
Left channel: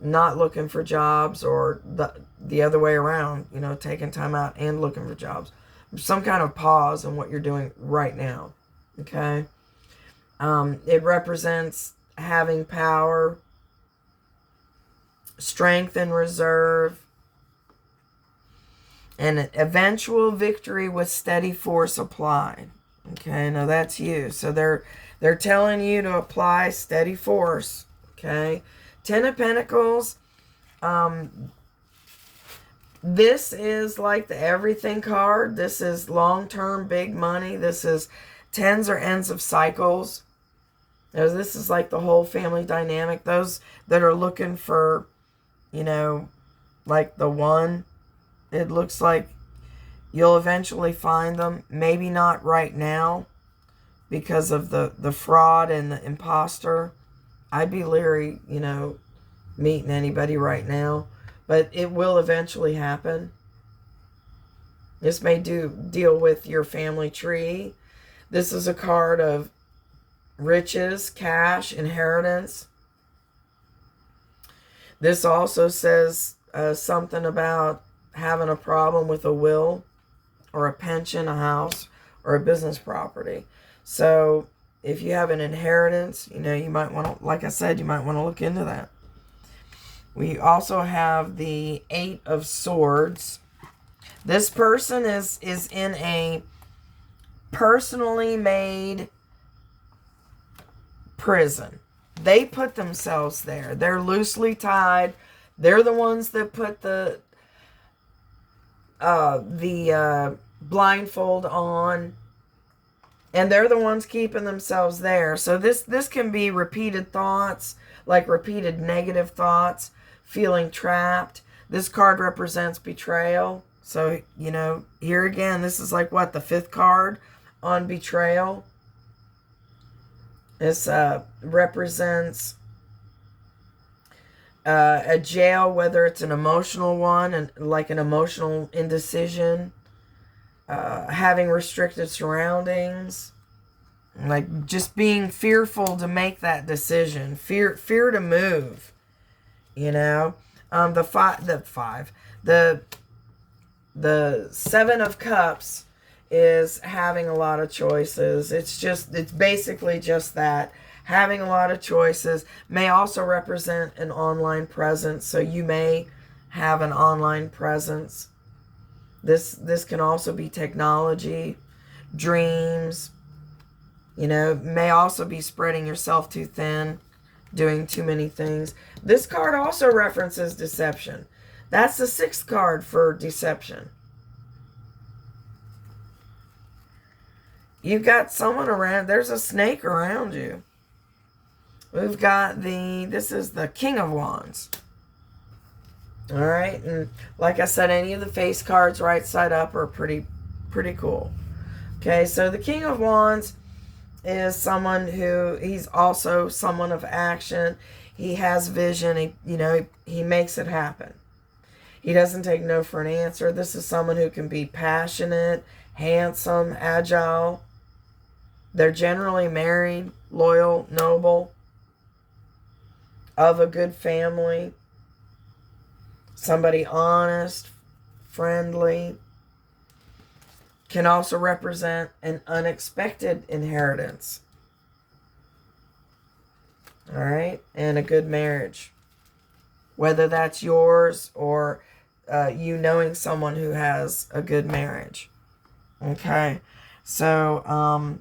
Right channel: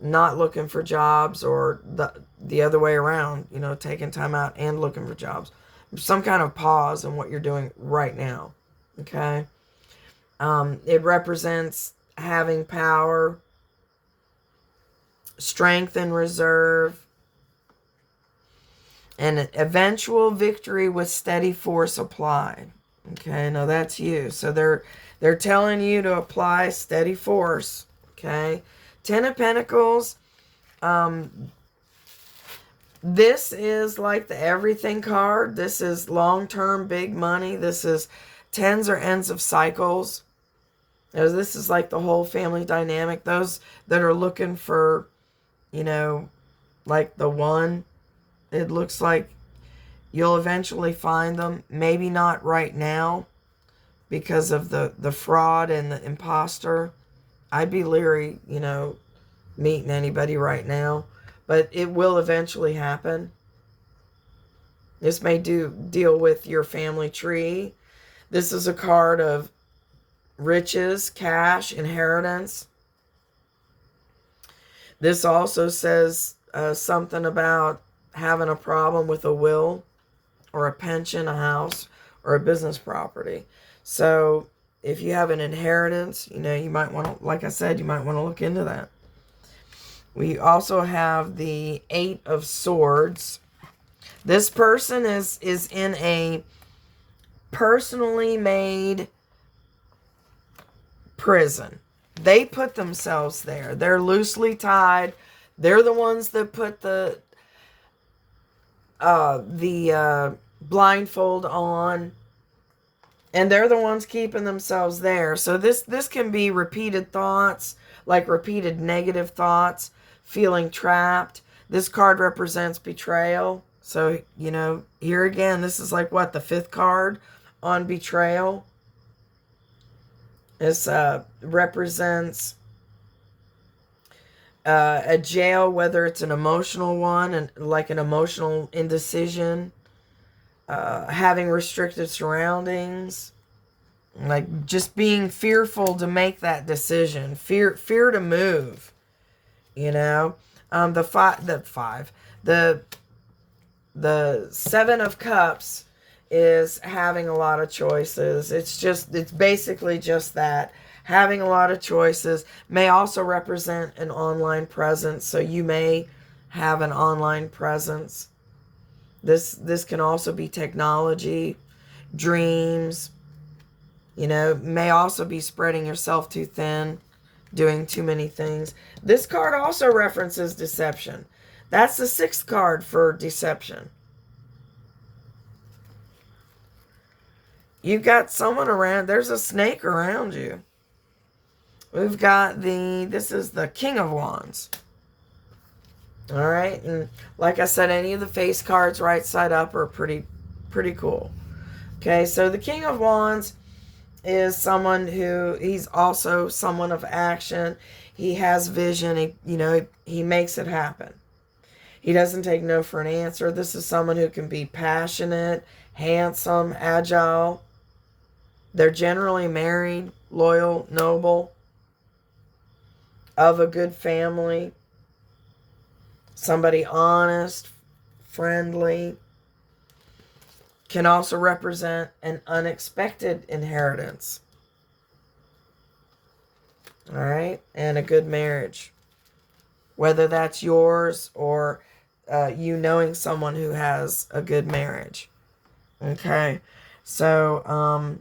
not looking for jobs, or the other way around, you know, taking time out and looking for jobs. Some kind of pause in what you're doing right now. Okay. It represents having power, strength and reserve, and an eventual victory with steady force applied. Okay, now that's you. So they're telling you to apply steady force. Okay. Ten of Pentacles. This is like the everything card. This is long-term big money. This is tens or ends of cycles. This is like the whole family dynamic. Those that are looking for, you know, like the one, it looks like you'll eventually find them. Maybe not right now because of the fraud and the imposter. I'd be leery, you know, meeting anybody right now, but it will eventually happen. This may deal with your family tree. This is a card of riches, cash, inheritance. This also says something about having a problem with a will or a pension, a house, or a business property. So if you have an inheritance, you know, you might want to, like I said, you might want to look into that. We also have the Eight of Swords. This person is in a personally made prison. They put themselves there. They're loosely tied. They're the ones that put the blindfold on, and they're the ones keeping themselves there. So this can be repeated thoughts, like repeated negative thoughts, feeling trapped. This card represents betrayal. So, you know, here again, this is like what, the fifth card on betrayal. This represents a jail, whether it's an emotional one, and like an emotional indecision, having restricted surroundings, like just being fearful to make that decision, fear to move, you know. The Seven of Cups is having a lot of choices. It's basically just that. Having a lot of choices may also represent an online presence. So you may have an online presence. This can also be technology, dreams, you know, may also be spreading yourself too thin, doing too many things. This card also references deception. That's the sixth card for deception. You've got someone around. There's a snake around you. We've got this is the King of Wands. All right. And like I said, any of the face cards right side up are pretty cool. Okay. So the King of Wands is someone who, he's also someone of action. He has vision. He makes it happen. He doesn't take no for an answer. This is someone who can be passionate, handsome, agile. They're generally married, loyal, noble, of a good family, somebody honest, friendly. Can also represent an unexpected inheritance. All right, and a good marriage. Whether that's yours or you knowing someone who has a good marriage. Okay, so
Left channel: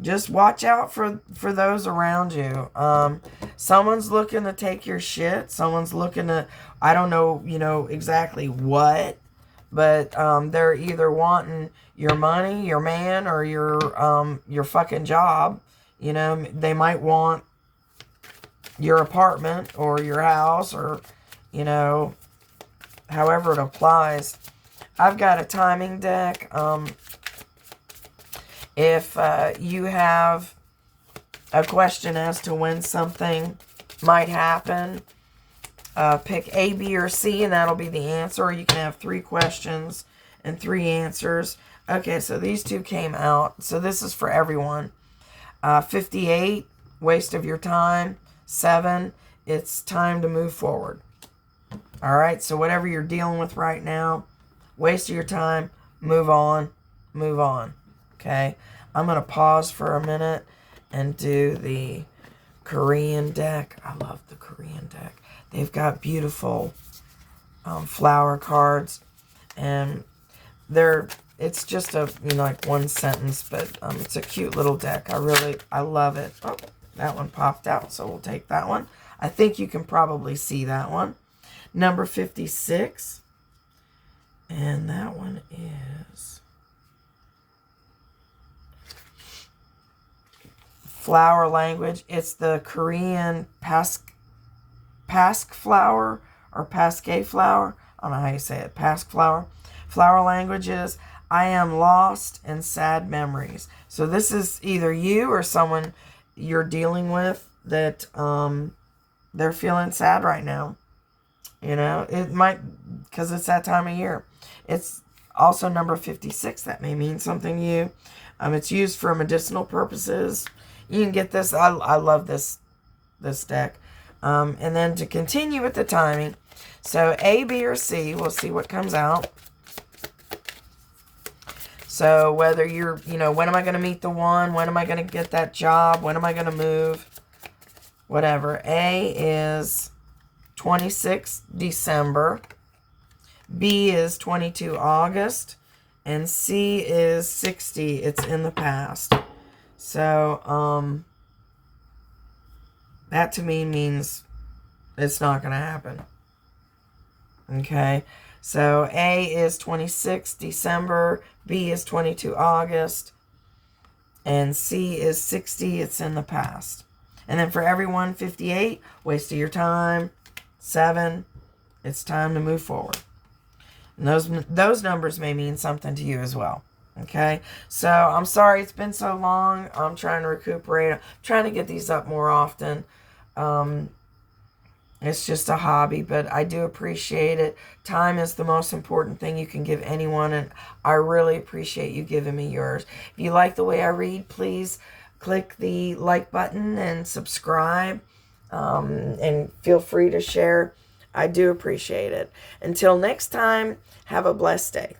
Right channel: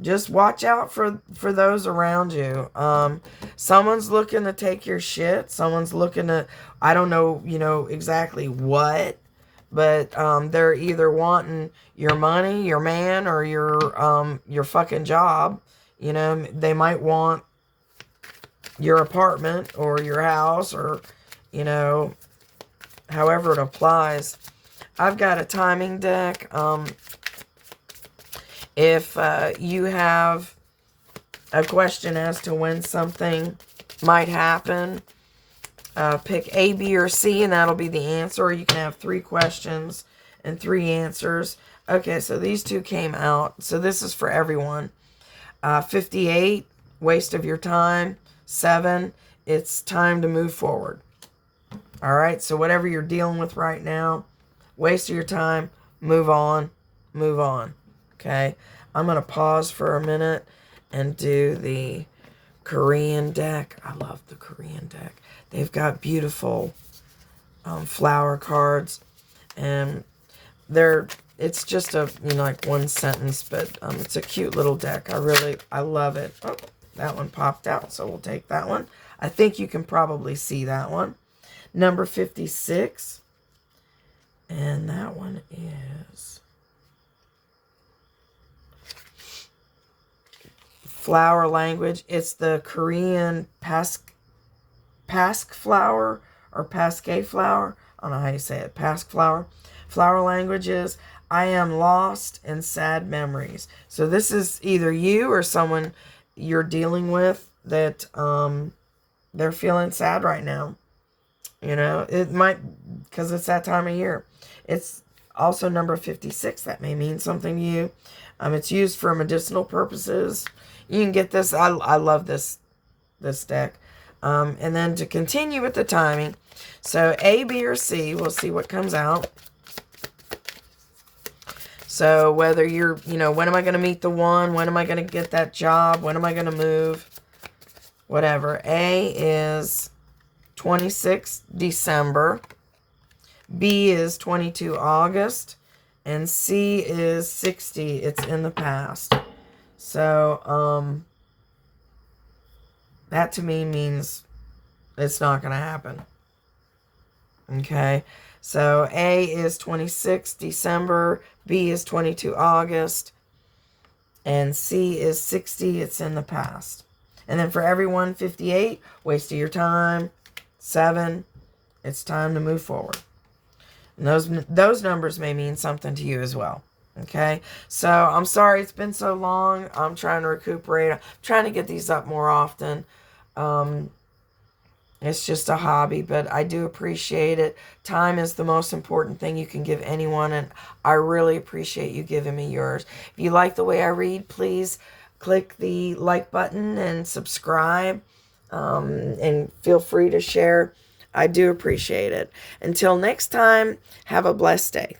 just watch out for those around you. Someone's looking to take your shit. Someone's looking to, I don't know, exactly what, but they're either wanting your money, your man, or your fucking job. They might want your apartment or your house, or however it applies. I've got a timing deck. If you have a question as to when something might happen, pick A, B, or C, and that'll be the answer. Or you can have 3 questions and 3 answers. Okay, so these 2 came out. So this is for everyone. 58, waste of your time. 7, it's time to move forward. All right, so whatever you're dealing with right now, waste your time, move on, move on. Okay, I'm going to pause for a minute and do the Korean deck. I love the Korean deck. They've got beautiful flower cards, and it's just a, like one sentence, but it's a cute little deck. I love it. Oh, that one popped out, so we'll take that one. I think you can probably see that one. Number 56. And that one is flower language. It's the Korean pask flower or Pasque flower. I don't know how you say it. Pask flower. Flower language is, I am lost in sad memories. So this is either you or someone you're dealing with that they're feeling sad right now. It might, because it's that time of year. It's also number 56. That may mean something to you. It's used for medicinal purposes. You can get this. I love this deck. And then to continue with the timing, so A, B, or C, we'll see what comes out. So whether you're, when am I going to meet the one? When am I going to get that job? When am I going to move? Whatever. A is 26 December. B is 22 August. And C is 60. It's in the past. So, that to me means it's not going to happen. Okay. So A is 26 December. B is 22 August. And C is 60. It's in the past. And then for everyone, 58, waste of your time. 7, it's time to move forward. And those numbers may mean something to you as well. Okay, so I'm sorry it's been so long. I'm trying to recuperate. I'm trying to get these up more often. It's just a hobby, but I do appreciate it. Time is the most important thing you can give anyone, and I really appreciate you giving me yours. If you like the way I read, please click the like button and subscribe, and feel free to share. I do appreciate it. Until next time, have a blessed day.